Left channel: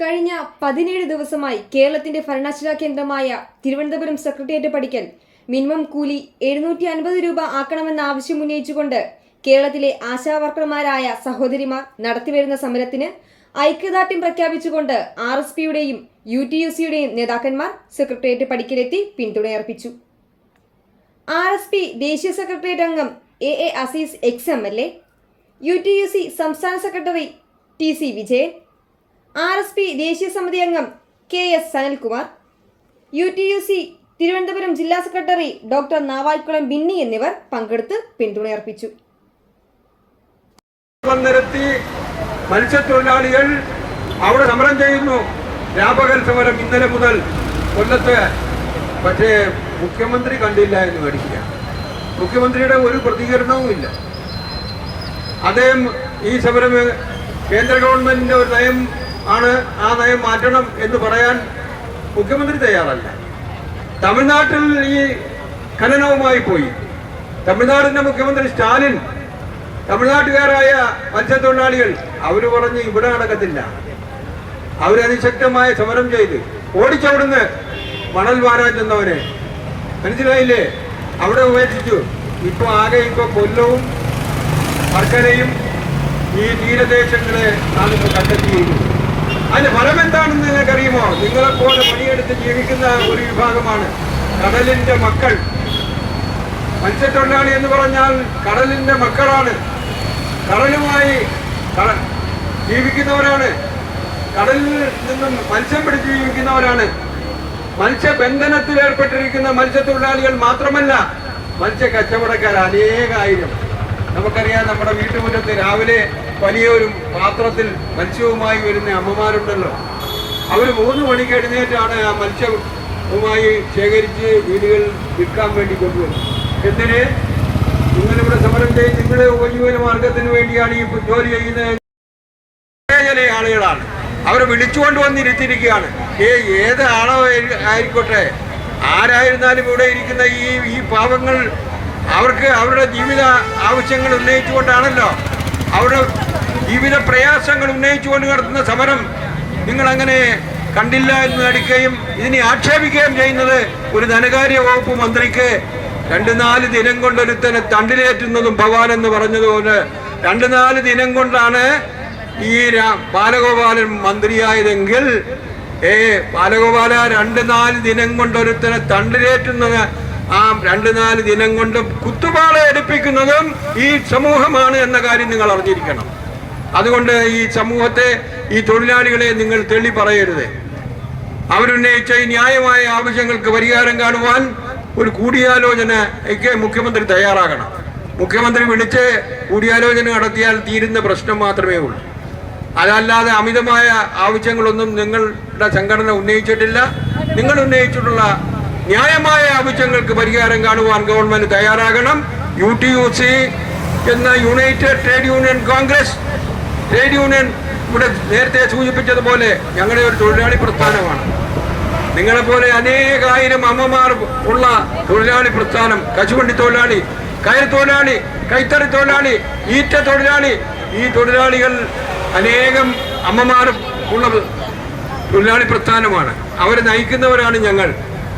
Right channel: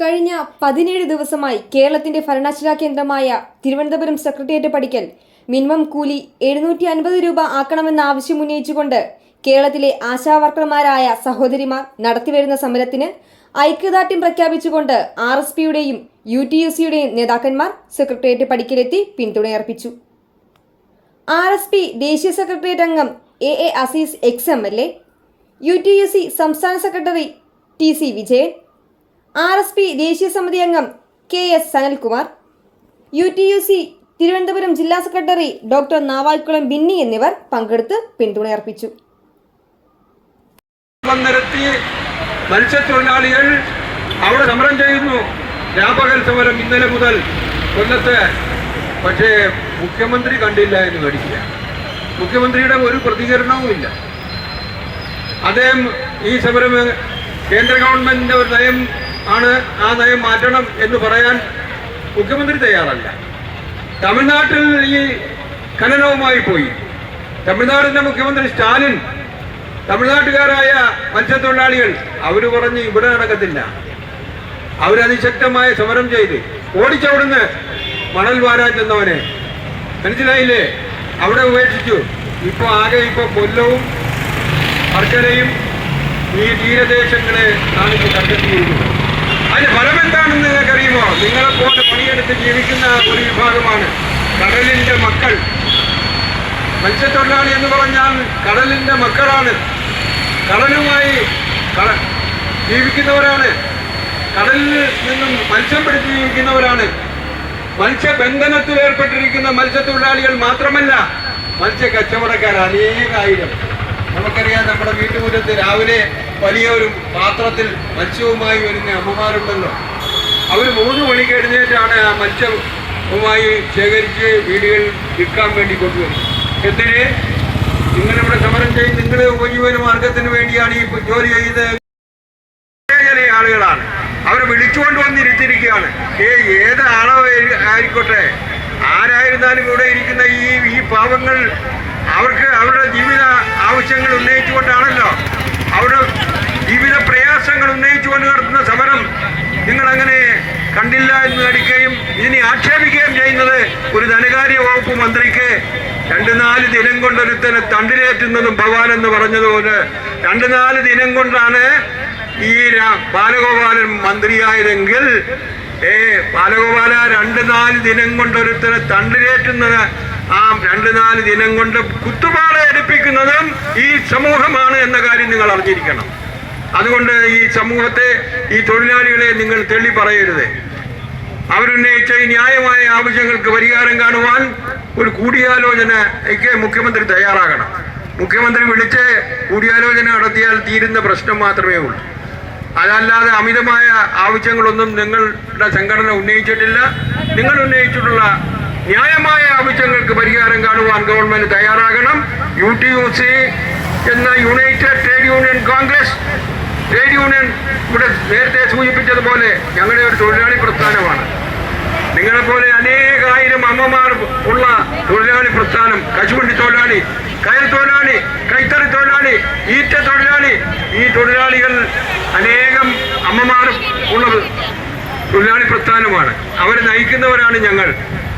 കഴിഞ്ഞ പതിനേഴ് ദിവസമായി കേരളത്തിന്റെ ഭരണാശിലാ കേന്ദ്രമായ തിരുവനന്തപുരം സെക്രട്ടേറിയറ്റ് പഠിക്കൽ മിനിമം കൂലി എഴുന്നൂറ്റി അൻപത് രൂപ ആക്കണമെന്ന ആവശ്യം ഉന്നയിച്ചുകൊണ്ട് കേരളത്തിലെ ആശാവർക്കർമാരായ സഹോദരിമാർ നടത്തിവരുന്ന സമരത്തിന് ഐക്യദാർഢ്യം പ്രഖ്യാപിച്ചുകൊണ്ട് ആർ എസ് പിയുടെയും യു ടി യു സിയുടെയും നേതാക്കന്മാർ സെക്രട്ടേറിയറ്റ് പടിക്കലെത്തി പിന്തുണയർപ്പിച്ചു. ആർ എസ് പി ദേശീയ സെക്രട്ടേറിയറ്റ് അംഗം A A Azeez ex M L A U T U C സംസ്ഥാന secretary T C Vijayan R S P ദേശീയ സമിതി അംഗം K S Sanalkumar U T U C Thiruvananthapuram ജില്ലാ secretary doctor Navaikulam Binny എന്നിവർ പങ്കെടുത്ത് പിന്തുണയർപ്പിച്ചു. മത്സ്യത്തൊഴിലാളികൾ അവിടെ സമരം ചെയ്യുന്നു. രാപകൽ സമരം ഇന്നലെ മുതൽ കൊല്ലത്ത്. പക്ഷേ മുഖ്യമന്ത്രി കണ്ടില്ല എന്ന് മേടിക്കുക മുഖ്യമന്ത്രിയുടെ ഒരു പ്രതികരണവുമില്ല അദ്ദേഹം ഈ സമരം കേന്ദ്ര ഗവൺമെന്റിന്റെ ഒരു നയം ആണ് ആ നയം മാറ്റണം എന്ന് പറയാൻ മുഖ്യമന്ത്രി തയ്യാറല്ല. തമിഴ്നാട്ടിൽ ഈ ഖനനവുമായി പോയി. തമിഴ്നാടിന്റെ മുഖ്യമന്ത്രി സ്റ്റാലിൻ തമിഴ്നാട്ടുകാരായ മത്സ്യത്തൊഴിലാളികൾ അവർ പറഞ്ഞ് ഇവിടെ നടക്കത്തില്ല. അവരതിശക്തമായ സമരം ചെയ്ത് ഓടിച്ചവിടുന്ന് മണൽ വാരാൻ ചെന്നവനെ. മനസ്സിലായില്ലേ? അവിടെ ഉപേക്ഷിച്ചു. ഇപ്പൊ ആകെ ഇപ്പൊ കൊല്ലവും വർക്കലയും ഈ തീരദേശങ്ങളെ ആണ് ഇപ്പൊ കണ്ടെത്തിയിരിക്കുന്നത് അതിന് ഫലം എന്താണെന്ന് നിങ്ങൾക്കറിയുമോ നിങ്ങളെപ്പോലെ പണിയെടുത്ത് ജീവിക്കുന്ന ഒരു വിഭാഗമാണ് കടലിന്റെ മക്കൾ. മത്സ്യത്തൊഴിലാളി എന്ന് പറഞ്ഞാൽ കടലിന്റെ മക്കളാണ്. കടലുമായി കട- ജീവിക്കുന്നവരാണ്. കടലിൽ നിന്നും മത്സ്യം പിടിച്ച് ജീവിക്കുന്നവരാണ് മത്സ്യബന്ധനത്തിൽ ഏർപ്പെട്ടിരിക്കുന്ന മത്സ്യത്തൊഴിലാളികൾ മാത്രമല്ല മത്സ്യ കച്ചവടക്കാർ അനേകായിരം. നമുക്കറിയാം നമ്മുടെ വീട്ടുമുറ്റത്ത് രാവിലെ വലിയൊരു പാത്രത്തിൽ മത്സ്യവുമായി വരുന്ന അമ്മമാരുണ്ടല്ലോ. അവർ മൂന്ന് മണിക്ക് എഴുന്നേറ്റാണ് ആ മത്സ്യവുമായി ശേഖരിച്ച് വീടുകളിൽ വിൽക്കാൻ വേണ്ടി കൊണ്ടുവരുന്നത്. എന്തിന്? നിങ്ങളിവിടെ സമരം ചെയ്ത് നിങ്ങളെ ഉപജീവന മാർഗത്തിന് വേണ്ടിയാണ് ഈ ജോലി ചെയ്യുന്നത്. ചില ആളുകളാണ്. അവരെ വിളിച്ചുകൊണ്ട് വന്നിരുത്തിയിരിക്കുകയാണ് ഏ ഏത് ആളോ ആയിക്കോട്ടെ? ആരായിരുന്നാലും ഇവിടെ ഇരിക്കുന്ന ഈ ഈ പാവങ്ങൾ അവർക്ക് അവരുടെ ജീവിത ആവശ്യങ്ങൾ ഉന്നയിച്ചുകൊണ്ടാണല്ലോ. അവരുടെ ജീവിത പ്രയാസങ്ങൾ ഉന്നയിച്ചുകൊണ്ട് നടത്തുന്ന സമരം നിങ്ങൾ അങ്ങനെ കണ്ടില്ല എന്ന് നടിക്കുകയും ഇതിനെ ആക്ഷേപിക്കുകയും ചെയ്യുന്നത് ഒരു ധനകാര്യ വകുപ്പ് മന്ത്രിക്ക് രണ്ട് നാല് ദിനം കൊണ്ടൊരുത്തനെ തണ്ടിലേറ്റുന്നതും ഭവാൻ എന്ന് പറഞ്ഞതുപോലെ രണ്ട് നാല് ദിനം കൊണ്ടാണ് ഈ ബാലഗോപാലൻ മന്ത്രിയായതെങ്കിൽ ഏ ബാലഗോപാല രണ്ട് നാല് ദിനം കൊണ്ടൊരുത്തനെ തണ്ടിലേറ്റുന്നത് ആ രണ്ട് നാല് ദിനം കൊണ്ട് കുത്തുപാള എടുപ്പിക്കുന്നതും ഈ സമൂഹമാണ് എന്ന കാര്യം നിങ്ങൾ അറിഞ്ഞിരിക്കണം. അതുകൊണ്ട് ഈ സമൂഹത്തെ ഈ തൊഴിലാളികളെ നിങ്ങൾ തെളി പറയരുത്. അവരുന്നയിച്ച ഈ ന്യായമായ ആവശ്യങ്ങൾക്ക് പരിഹാരം കാണുവാൻ ഒരു കൂടിയാലോചനയ്ക്ക് മുഖ്യമന്ത്രി തയ്യാറാകണം. മുഖ്യമന്ത്രി വിളിച്ച് കൂടിയാലോചന നടത്തിയാൽ തീരുന്ന പ്രശ്നം മാത്രമേ ഉള്ളൂ. അതല്ലാതെ അമിതമായ ആവശ്യങ്ങളൊന്നും നിങ്ങളുടെ സംഘടന ഉന്നയിച്ചിട്ടില്ല. നിങ്ങൾ ഉന്നയിച്ചിട്ടുള്ള ന്യായമായ ആവശ്യങ്ങൾക്ക് പരിഹാരം കാണുവാൻ ഗവൺമെന്റ് തയ്യാറാകണം. യു ടി യു സി എന്ന United Trade Union Congress trade union ഇവിടെ നേരത്തെ സൂചിപ്പിച്ചതുപോലെ ഞങ്ങളുടെ ഒരു തൊഴിലാളി പ്രസ്ഥാനമാണ്. നിങ്ങളെപ്പോലെ അനേകായിരം അമ്മമാർ ഉള്ള തൊഴിലാളി പ്രസ്ഥാനം കശുവണ്ടി തൊഴിലാളി കയർ തൊഴിലാളി കൈത്തറി തൊഴിലാളി ഈറ്റ തൊഴിലാളി ഈ തൊഴിലാളികൾ അനേകം അമ്മമാരും ഉള്ള തൊഴിലാളി പ്രസ്ഥാനമാണ്. അവരെ നയിക്കുന്നവരാണ് ഞങ്ങൾ.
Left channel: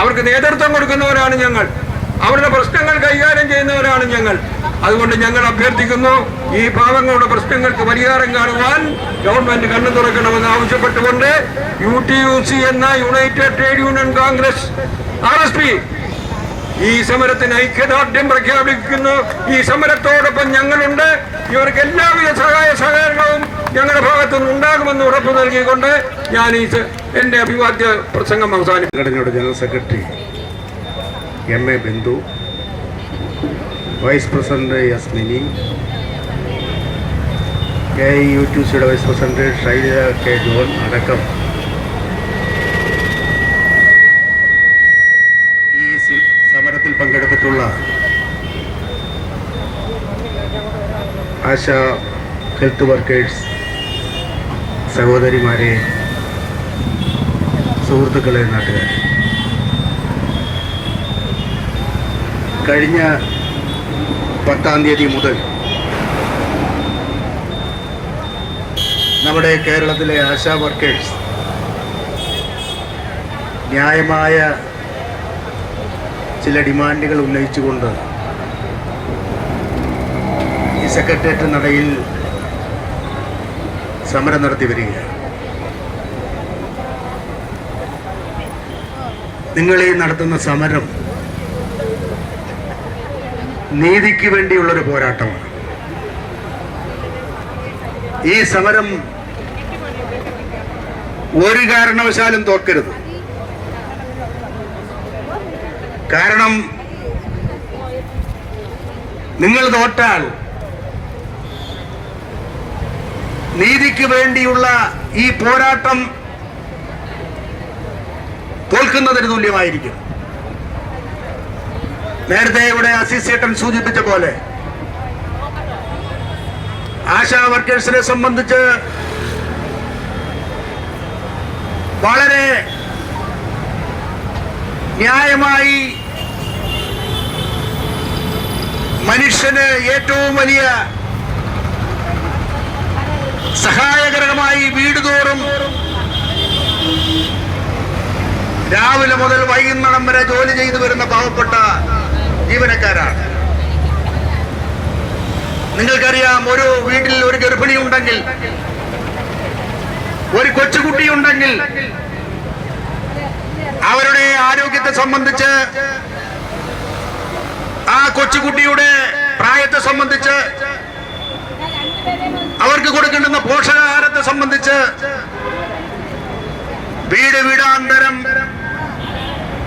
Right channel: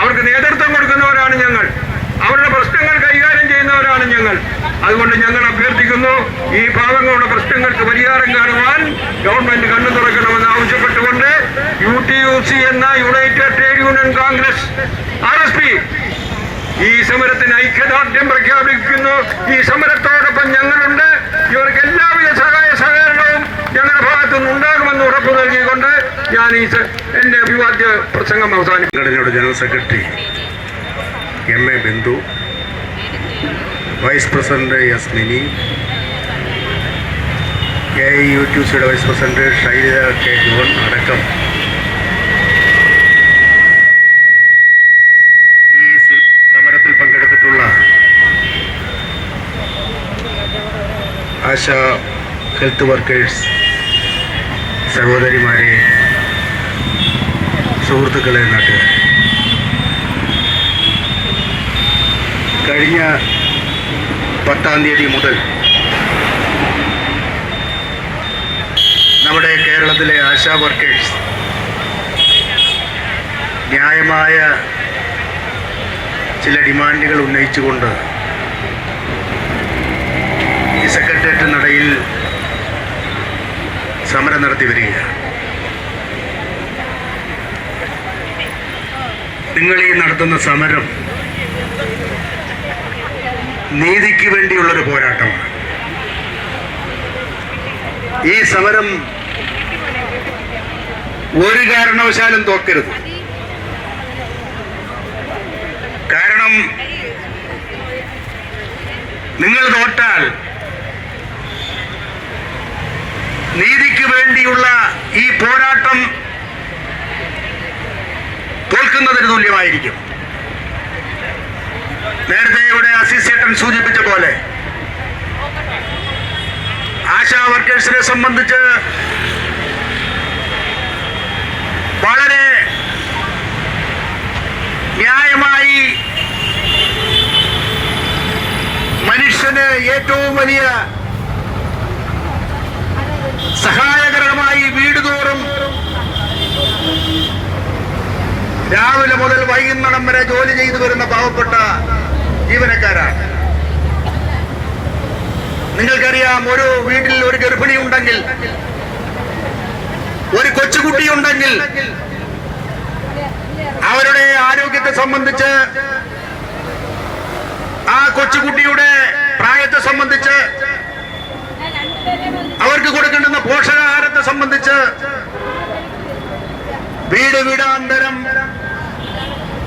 അവർക്ക് നേതൃത്വം കൊടുക്കുന്നവരാണ് ഞങ്ങൾ. അവരുടെ പ്രശ്നങ്ങൾ കൈകാര്യം ചെയ്യുന്നവരാണ് ഞങ്ങൾ. അതുകൊണ്ട് ഞങ്ങൾ അഭ്യർത്ഥിക്കുന്നു ഈ പാവങ്ങളുടെ പ്രശ്നങ്ങൾക്ക് പരിഹാരം കാണുവാൻ ഗവൺമെന്റ് കണ്ണു തുറക്കണമെന്ന് ആവശ്യപ്പെട്ടുകൊണ്ട് യു ടി യു സി എന്ന United Trade Union Congress R S P ഈ സമരത്തിന് ഐക്യദാർഢ്യം പ്രഖ്യാപിക്കുന്നു. ഈ സമരത്തോടൊപ്പം ഞങ്ങളുണ്ട്. ഇവർക്ക് എല്ലാവിധ സഹായ സഹകരണവും ഞങ്ങളുടെ ഭാഗത്തു നിന്ന് ഉണ്ടാകുമെന്ന് ഉറപ്പ് നൽകിക്കൊണ്ട് ഞാൻ ഈ എന്റെ അഭിവാദ്യ പ്രസംഗം സംഘടനയുടെ general secretary M A Bindu vice president S Mini A I U T സിയുടെ vice president Shaila K John അടക്കം ഈ സ- സമരത്തിൽ പങ്കെടുത്തിട്ടുള്ള ആശ ഹെൽത്ത് വർക്കേഴ്സ് സഹോദരിമാരെ സുഹൃത്തുക്കളെ നാട്ടുകാർ കഴിഞ്ഞ പത്താം തീയതി മുതൽ നമ്മുടെ കേരളത്തിലെ ആശാ വർക്കേഴ്സ് ന്യായമായ ചില ഡിമാൻഡുകൾ ഉന്നയിച്ചുകൊണ്ട് ഈ സെക്രട്ടേറിയറ്റ് നടയിൽ സമരം നടത്തി വരികയാണ്. നിങ്ങൾ ഈ നടത്തുന്ന സമരം നീതിക്ക് വേണ്ടിയുള്ളൊരു പോരാട്ടമാണ്. ഈ സമരം ഒരു കാരണവശാലും തോക്കരുത്. കാരണം നിങ്ങൾ തോറ്റാൽ നീതിക്ക് വേണ്ടിയുള്ള ഈ പോരാട്ടം തോൽക്കുന്നതിന് തുല്യമായിരിക്കും. നേരത്തെ ഇവിടെ അസിസ്റ്റേറ്റൻ സൂചിപ്പിച്ച പോലെ ആശാ വർക്കേഴ്സിനെ സംബന്ധിച്ച് വളരെ ന്യായമായി മനുഷ്യന് ഏറ്റവും വലിയ സഹായകരമായി വീട് തോറും രാവിലെ മുതൽ വൈകുന്നേരം വരെ ജോലി ചെയ്തു വരുന്ന പാവപ്പെട്ട ജീവനക്കാരാണ്. നിങ്ങൾക്കറിയാം ഒരു വീട്ടിൽ ഒരു ഗർഭിണി ഉണ്ടെങ്കിൽ ഒരു കൊച്ചുകുട്ടി ഉണ്ടെങ്കിൽ അവരുടെ ആരോഗ്യത്തെ സംബന്ധിച്ച് ആ കൊച്ചുകുട്ടിയുടെ പ്രായത്തെ സംബന്ധിച്ച് അവർക്ക് കൊടുക്കേണ്ടുന്ന പോഷകാഹാരത്തെ സംബന്ധിച്ച് വീട് വീടാന്തരം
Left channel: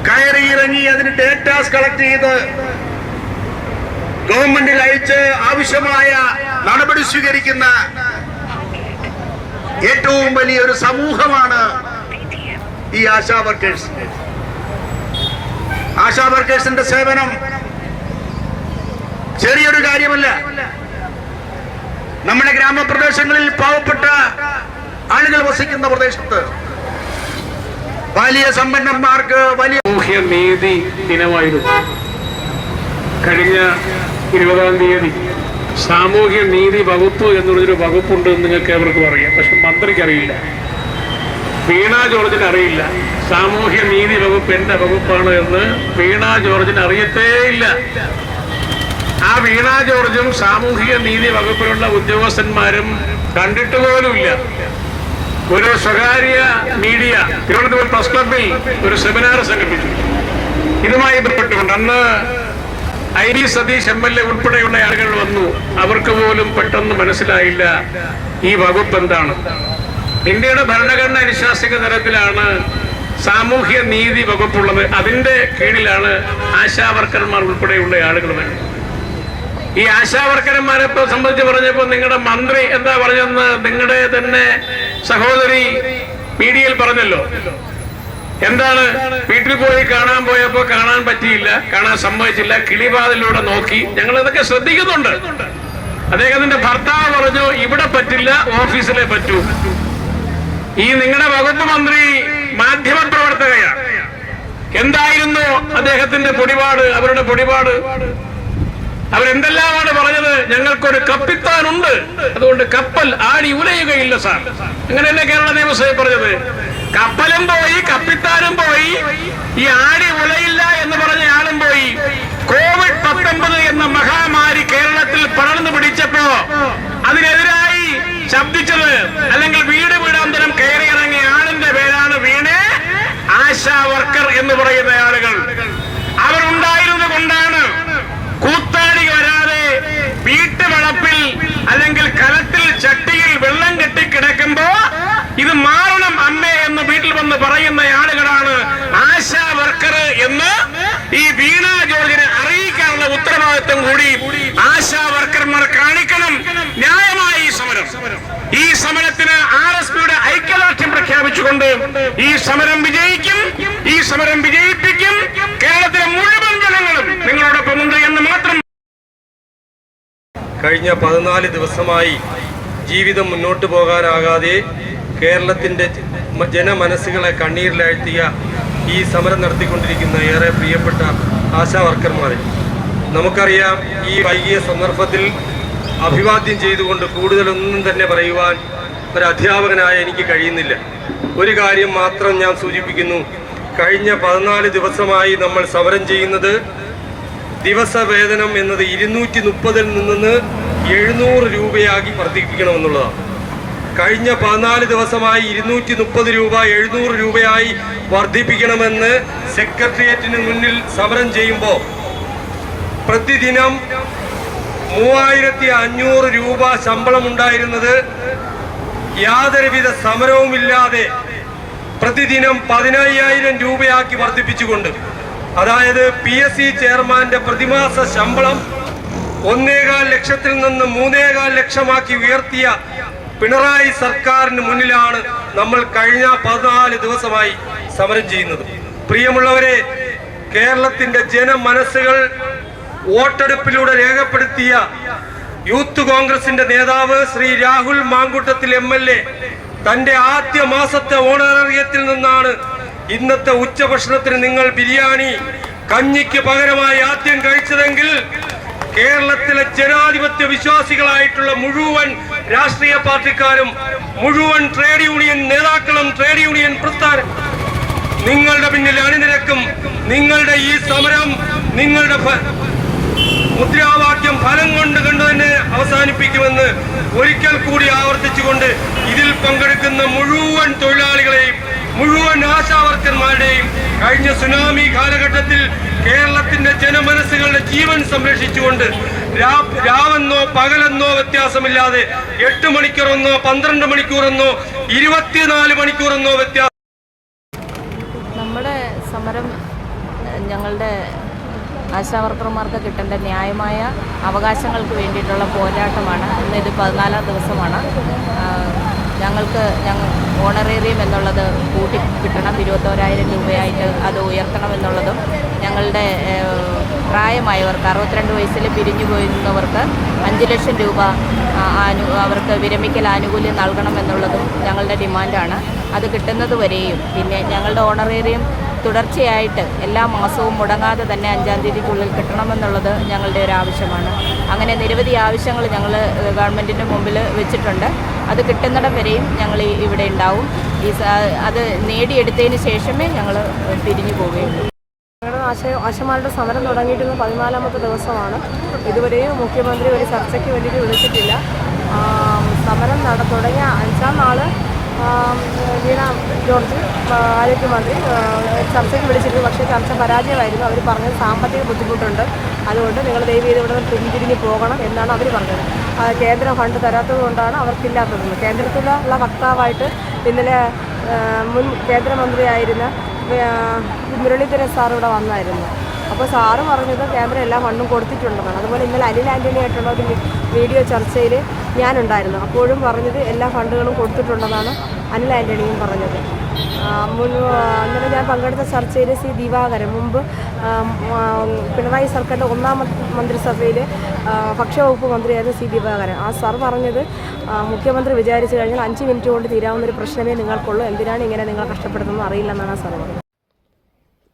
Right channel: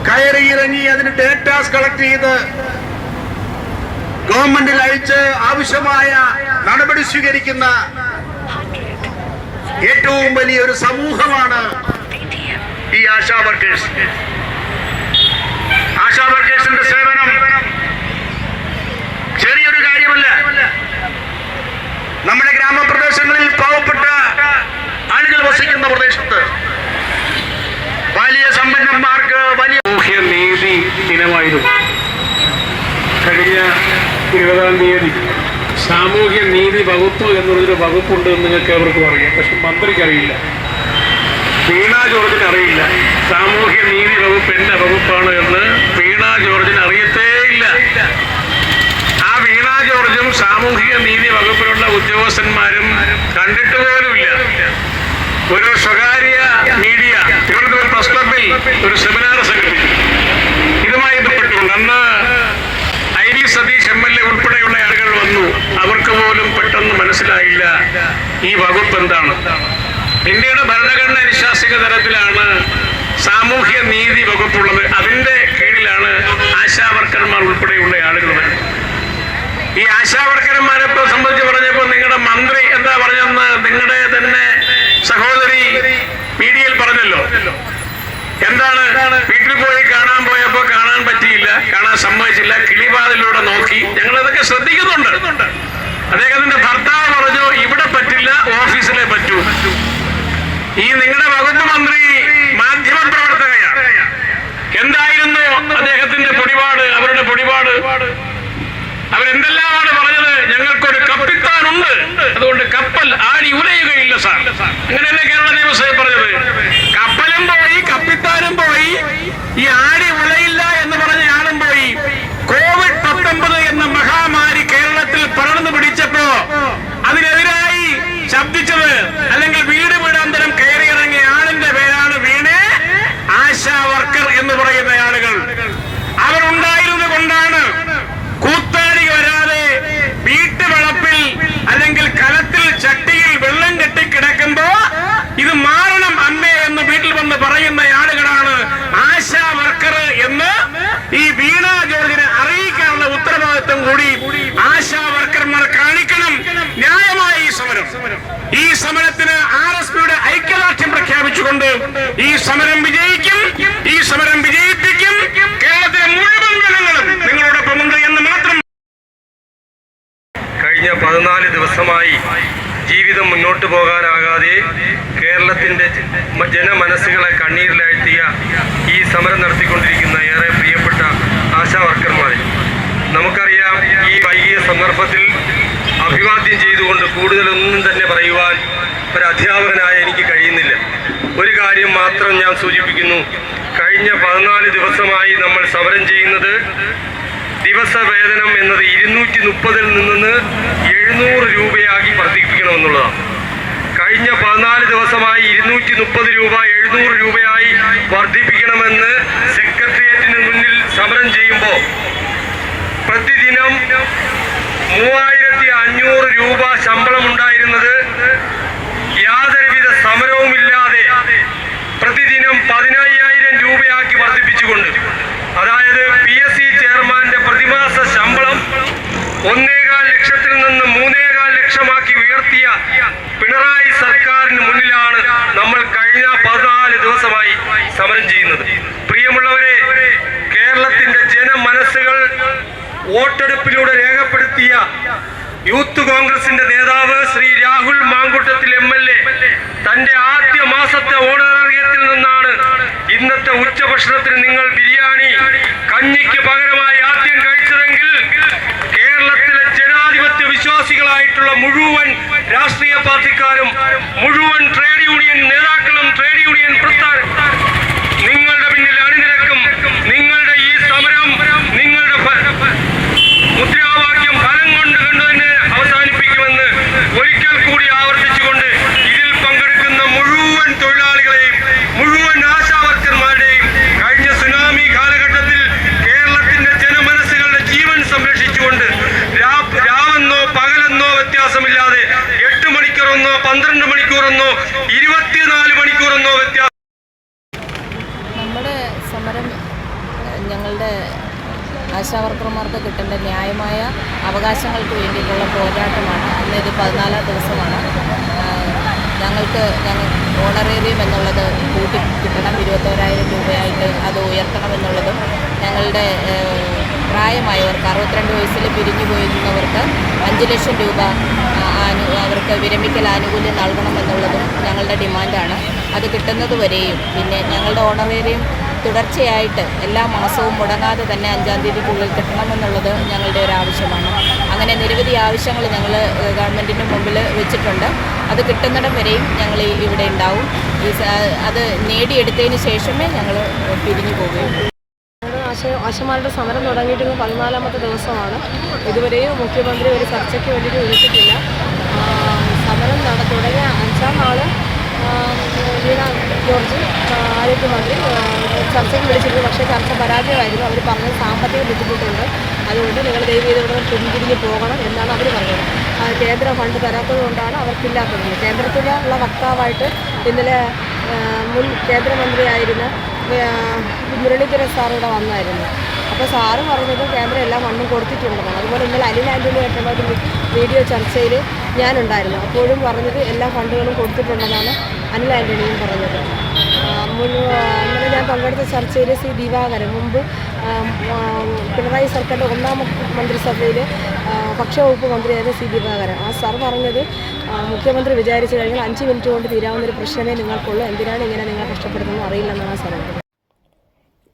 കയറി ഇറങ്ങി അതിന് ഡേറ്റാസ് കളക്ട് ചെയ്ത് ഗവൺമെന്റിൽ അയച്ച് ആവശ്യമായ നടപടി സ്വീകരിക്കുന്ന ഏറ്റവും വലിയൊരു സമൂഹമാണ് ഈ ആശാ വർക്കേഴ്സ് ആശാ വർക്കേഴ്സിന്റെ സേവനം ചെറിയൊരു കാര്യമല്ല. നമ്മുടെ ഗ്രാമപ്രദേശങ്ങളിൽ പാവപ്പെട്ട ആളുകൾ വസിക്കുന്ന പ്രദേശത്ത് വലിയ സമ്പന്നന്മാർക്ക് വലിയ നീതി ദിനമായിരുന്നു. കഴിഞ്ഞ ഇരുപതാം തീയതി സാമൂഹ്യ നീതി വകുപ്പ് എന്നുള്ളൊരു വകുപ്പുണ്ട് എന്ന് നിങ്ങൾക്ക് ഏവർക്കും അറിയാം. പക്ഷെ മന്ത്രിക്ക് അറിയില്ല. വീണ ജോർജിന് അറിയില്ല. സാമൂഹ്യ നീതി വകുപ്പ് എന്ന വകുപ്പാണ് എന്ന് വീണ ജോർജിന് അറിയത്തേയില്ല ആ വീണ ജോർജും സാമൂഹിക നീതി വകുപ്പിലുള്ള ഉദ്യോഗസ്ഥന്മാരും കണ്ടിട്ട് പോലുമില്ല. ഒരു സ്വകാര്യ മീഡിയ തിരുവനന്തപുരം പ്രസ് ക്ലബിൽ ഒരു സെമിനാർ സംഘടിപ്പിച്ചു. ഇതുമായി ബന്ധപ്പെട്ടുകൊണ്ട് അന്ന് I D Satheesh M L A ഉൾപ്പെടെയുള്ള ആളുകൾ വന്നു. അവർക്ക് പോലും പെട്ടെന്ന് മനസ്സിലായില്ല ഈ വകുപ്പ് എന്താണ്. ഇന്ത്യയുടെ ഭരണഘടന അനുശാസിക തരത്തിലാണ് സാമൂഹ്യ നീതി വകുപ്പുള്ളത്. അതിന്റെ കീഴിലാണ് ആശാവർക്കർമാർ ഉൾപ്പെടെയുള്ള ആളുകൾ ഈ ആശാവർക്കരന്മാരെ സംബന്ധിച്ച് പറഞ്ഞപ്പോൾ നിങ്ങളുടെ മന്ത്രി എന്താ പറഞ്ഞെന്ന് നിങ്ങളുടെ തന്നെ സഹോദരി മീഡിയയിൽ പറഞ്ഞല്ലോ. എന്താണ്? വീട്ടിൽ പോയി കാണാൻ പോയപ്പോ കാണാൻ പറ്റിയില്ല കാണാൻ സമ്മതിച്ചില്ല കിളിവാതിലൂടെ നോക്കി. ഞങ്ങൾ ഇതൊക്കെ ശ്രദ്ധിക്കുന്നുണ്ട്. അദ്ദേഹത്തിന്റെ ഭർത്താവ് പറഞ്ഞു ഇവിടെ പറ്റില്ല ഓഫീസിലെ പറ്റൂ. ഈ നിങ്ങളുടെ വകുപ്പ് മന്ത്രി മാധ്യമ പ്രവർത്തകയാണ് എന്തായിരുന്നു അദ്ദേഹത്തിന്റെ പൊടിപാട് അവരുടെ പൊടിപാട്? അവരെന്തെല്ലാമാണ് പറഞ്ഞത്? ഞങ്ങൾക്കൊരു കപ്പിത്താനുണ്ട്. അതുകൊണ്ട് കപ്പൽ ആടി ഉലയുകയില്ല സാർ. അങ്ങനെയല്ലേ കേരള നിയമസഭ പറഞ്ഞത്? കപ്പലും പോയി കപ്പിത്താനും പോയി ഈ ആടി ഉലയില്ല എന്ന് പറഞ്ഞ ആളും പോയി. കോവിഡ് പത്തൊമ്പത് എന്ന മഹാമാരി കേരളത്തിൽ പടർന്നു പിടിച്ചപ്പോ അതിനെതിരായി ശബ്ദിച്ചത് അല്ലെങ്കിൽ വീട് എന്ന് പറയുന്ന ആളുകളാണ് ആശാ വർക്കർ എന്ന് ഈ വീണ ജോർജിനെ അറിയിക്കാനുള്ള ഉത്തരവാദിത്വം കൂടി ആശാ വർക്കർമാർ കാണിക്കണം. ന്യായമായ ഈ സമരം. ഈ സമരത്തിന് ആർ എസ് പിയുടെ ഐക്യദാർഢ്യം പ്രഖ്യാപിച്ചുകൊണ്ട് ഈ സമരം വിജയിക്കും. ഈ സമരം വിജയിപ്പിക്കും. കേരളത്തിലെ മുഴുവൻ ജനങ്ങളും നിങ്ങളോടൊപ്പമുണ്ട് എന്ന് മാത്രം കഴിഞ്ഞ പതിനാല് ദിവസമായി ജീവിതം മുന്നോട്ട് പോകാനാകാതെ കേരളത്തിന്റെ ജനമനസ്സുകളെ കണ്ണീരിലാഴ്ത്തിയ ഈ സമരം നടത്തിക്കൊണ്ടിരിക്കുന്ന ഏറെ പ്രിയപ്പെട്ട ആശാ വർക്കർമാരെ നമുക്കറിയാം ഈ വൈകിയ സന്ദർഭത്തിൽ അഭിവാദ്യം ചെയ്തുകൊണ്ട് കൂടുതലൊന്നും തന്നെ പറയുവാൻ ഒരു അധ്യാപകനായ എനിക്ക് കഴിയുന്നില്ല. ഒരു കാര്യം മാത്രം ഞാൻ സൂചിപ്പിക്കുന്നു. കഴിഞ്ഞ പതിനാല് ദിവസമായി നമ്മൾ സമരം ചെയ്യുന്നത് ദിവസവേതനം എന്നത് ഇരുന്നൂറ്റി മുപ്പതിൽ നിന്ന് എഴുന്നൂറ് രൂപയാക്കി വർദ്ധിപ്പിക്കണമെന്നുള്ളതാണ്. കഴിഞ്ഞ പതിനാല് ദിവസമായി ഇരുന്നൂറ്റി മുപ്പത് രൂപ എഴുന്നൂറ് രൂപയായി വർദ്ധിപ്പിക്കണമെന്ന് സെക്രട്ടേറിയറ്റിന് മുന്നിൽ സമരം ചെയ്യുമ്പോൾ പ്രതിദിനം മൂവായിരത്തി അഞ്ഞൂറ് രൂപ ശമ്പളം ഉണ്ടായിരുന്നത് യാതൊരുവിധ സമരവുമില്ലാതെ പ്രതിദിനം പതിനയ്യായിരം രൂപയാക്കി വർദ്ധിപ്പിച്ചുകൊണ്ട് അതായത് പി എസ് സി ചെയർമാന്റെ പ്രതിമാസ ശമ്പളം ഒന്നേകാൽ ലക്ഷത്തിൽ നിന്ന് മൂന്നേകാൽ ലക്ഷമാക്കി ഉയർത്തിയ പിണറായി സർക്കാരിന് മുന്നിലാണ് നമ്മൾ കഴിഞ്ഞ പതിനാല് ദിവസമായി സമരം ചെയ്യുന്നത്. പ്രിയമുള്ളവരെ കേരളത്തിന്റെ ജനമനസ്സുകൾ വോട്ടെടുപ്പിലൂടെ രേഖപ്പെടുത്തിയ യൂത്ത് കോൺഗ്രസിന്റെ നേതാവ് Shri Rahul Mankoottathil M L A. തന്റെ ആദ്യ മാസത്തെ ഓണറേറിയത്തിൽ നിന്നാണ് ഇന്നത്തെ ഉച്ചഭക്ഷണത്തിന് നിങ്ങൾ ബിരിയാണി കഞ്ഞിക്ക് പകരമായി ആദ്യം കഴിച്ചതെങ്കിൽ കേരളത്തിലെ ജനാധിപത്യ വിശ്വാസികളായിട്ടുള്ള മുഴുവൻ രാഷ്ട്രീയ പാർട്ടിക്കാരും മുഴുവൻ ട്രേഡ് യൂണിയൻ നേതാക്കളും ട്രേഡ് യൂണിയൻ പ്രസ്ഥാനം. നിങ്ങളുടെ പിന്നിൽ അണിനിരക്കും നിങ്ങളുടെ ഈ സമരം നിങ്ങളുടെ മുദ്രാവാക്യം ഫലം കൊണ്ട് കണ്ടു തന്നെ അവസാനിപ്പിക്കുമെന്ന് ഒരിക്കൽ കൂടി ആവർത്തിച്ചുകൊണ്ട് ഇതിൽ പങ്കെടുക്കുന്ന മുഴുവൻ തൊഴിലാളികളെയും മുഴുവൻ ആശാവർക്കന്മാരുടെയും കഴിഞ്ഞ സുനാമി കാലഘട്ടത്തിൽ കേരളത്തിന്റെ ജനമനസ്സുകളുടെ ജീവൻ സംരക്ഷിച്ചുകൊണ്ട് രാവെന്നോ പകലെന്നോ വ്യത്യാസമില്ലാതെ എട്ട് മണിക്കൂറെന്നോ പന്ത്രണ്ട് മണിക്കൂറെന്നോ ഇരുപത്തിനാല് മണിക്കൂറെന്നോ വ്യത്യാസം നമ്മുടെ സമരം ഏഹ്, ഞങ്ങളുടെ ആശാവർക്കർമാർക്ക് കിട്ടേണ്ട ന്യായമായ അവകാശങ്ങൾക്ക് വേണ്ടിയിട്ടുള്ള പോരാട്ടമാണ്. ഇന്ന് ഇത് പതിനാലാം ദിവസമാണ്. ഞങ്ങൾക്ക് ഞങ്ങൾ ഓണറേറിയം എന്നുള്ളത് കൂട്ടി കിട്ടണം. ഇരുപത്തോരായിരം രൂപയായിട്ട് അത് ഉയർത്തണം എന്നുള്ളതും ഞങ്ങളുടെ പ്രായമായവർക്ക് അറുപത്തിരണ്ട് വയസ്സിൽ പിരിഞ്ഞു പോയിരുന്നവർക്ക് അഞ്ച് ലക്ഷം രൂപ ആനു അവർക്ക് വിരമിക്കൽ ആനുകൂല്യം നൽകണമെന്നുള്ളതും ഞങ്ങളുടെ ഡിമാൻഡാണ്. അത് കിട്ടുന്നത് വരെയും പിന്നെ ഞങ്ങളുടെ ഓണറേറിയം തുടർച്ചയായിട്ട് എല്ലാ മാസവും മുടങ്ങാതെ തന്നെ അഞ്ചാം തീയതിക്കുള്ളിൽ കിട്ടണമെന്നുള്ളത് ഞങ്ങളുടെ ഒരു ആവശ്യമാണ്. അങ്ങനെ നിരവധി ആവശ്യങ്ങൾ ഞങ്ങൾ ഗവൺമെന്റിന്റെ മുമ്പിൽ വെച്ചിട്ടുണ്ട്. അത് കിട്ടുന്നിടം വരെയും ഞങ്ങൾ ഇവിടെ ഉണ്ടാവും. ഈ അത് നേടിയെടുത്തതിന് ശേഷമേ ഞങ്ങൾ പിരിഞ്ഞു പോവുകയുള്ളൂ. ഞങ്ങളുടെ ആശ ആശമാരുടെ സമരം തുടങ്ങിയിട്ടുള്ള പതിനാലാമത്തെ ദിവസമാണ്. ഇതുവരെയും മുഖ്യമന്ത്രി ഒരു ചർച്ചയ്ക്ക് വേണ്ടിയിട്ട് വിളിച്ചിട്ടില്ല. സമരം നട തുടങ്ങിയ അഞ്ചാം ആം, വീണ ജോർജ് ആരോഗ്യമന്ത്രി ചർച്ചയ്ക്ക് വിളിച്ചിരുന്നു. പക്ഷേ ചർച്ച പരാജയമായിരുന്നു. അവർ പറഞ്ഞത് സാമ്പത്തിക ബുദ്ധിമുട്ടുണ്ട്. അതുകൊണ്ട് നിങ്ങൾ ദയവ് ചെയ്ത് ഇവിടെ പിന്തിരിഞ്ഞ് പോകണം എന്നാണ് അവർ പറഞ്ഞത്. കേന്ദ്ര ഫണ്ട് തരാത്തത് കൊണ്ടാണ് അവർക്കില്ലാത്തത്. കേന്ദ്രത്തിലുള്ള വക്താവായിട്ട് ഇന്നലെ മുൻ കേന്ദ്രമന്ത്രിയായിരുന്ന മുരളീധര സാർ ഇവിടെ വന്നായിരുന്നു. അപ്പോൾ സാറ് പറഞ്ഞത് കേന്ദ്രം എല്ലാ ഫണ്ടും കൊടുത്തിട്ടുണ്ടെന്നാണ്. അതുപോലെ ഇന്നലെ അനിൽ ആന്റണിയായിട്ടുള്ള ഒരു വീഡിയോ ചർച്ചയിൽ ഞാനുണ്ടായിരുന്നു. അപ്പോഴും പറഞ്ഞത് എല്ലാ ഫണ്ടുകളും കൊടുത്തിട്ടുണ്ടെന്നാണ് അനിൽ ആന്റണിയും പറഞ്ഞത്. ആ, ഞാൻ പങ്കെടുത്ത ചർച്ചയിൽ സി ദിവാകരൻ മുമ്പ് പിണറായി സർക്കാരിന്റെ ഒന്നാം മന്ത്രിസഭയിൽ ഭക്ഷ്യവകുപ്പ് മന്ത്രിയായിരുന്നു സി ദിവാകരൻ. ആ സാർ പറഞ്ഞത് മുഖ്യമന്ത്രി വിചാരിച്ചു കഴിഞ്ഞാൽ അഞ്ച് മിനിറ്റ് കൊണ്ട് തീരാവുന്ന ഒരു പ്രശ്നമേ നിങ്ങൾക്കുള്ളൂ. എന്തിനാണ് ഇങ്ങനെ നിങ്ങൾ കഷ്ടപ്പെടുന്നത് അറിയില്ലെന്നാണ് ആ സാർ പറഞ്ഞത്.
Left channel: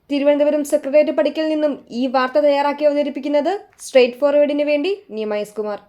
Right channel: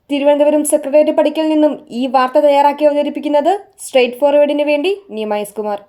തിരുവനന്തപുരം സെക്രട്ടേറിയറ്റ് പഠിക്കൽ നിന്നും ഈ വാർത്ത തയ്യാറാക്കി അവതരിപ്പിക്കുന്നത് സ്ട്രേറ്റ് ഫോർവേഡിന് വേണ്ടി നിയമയസ് കുമാർ.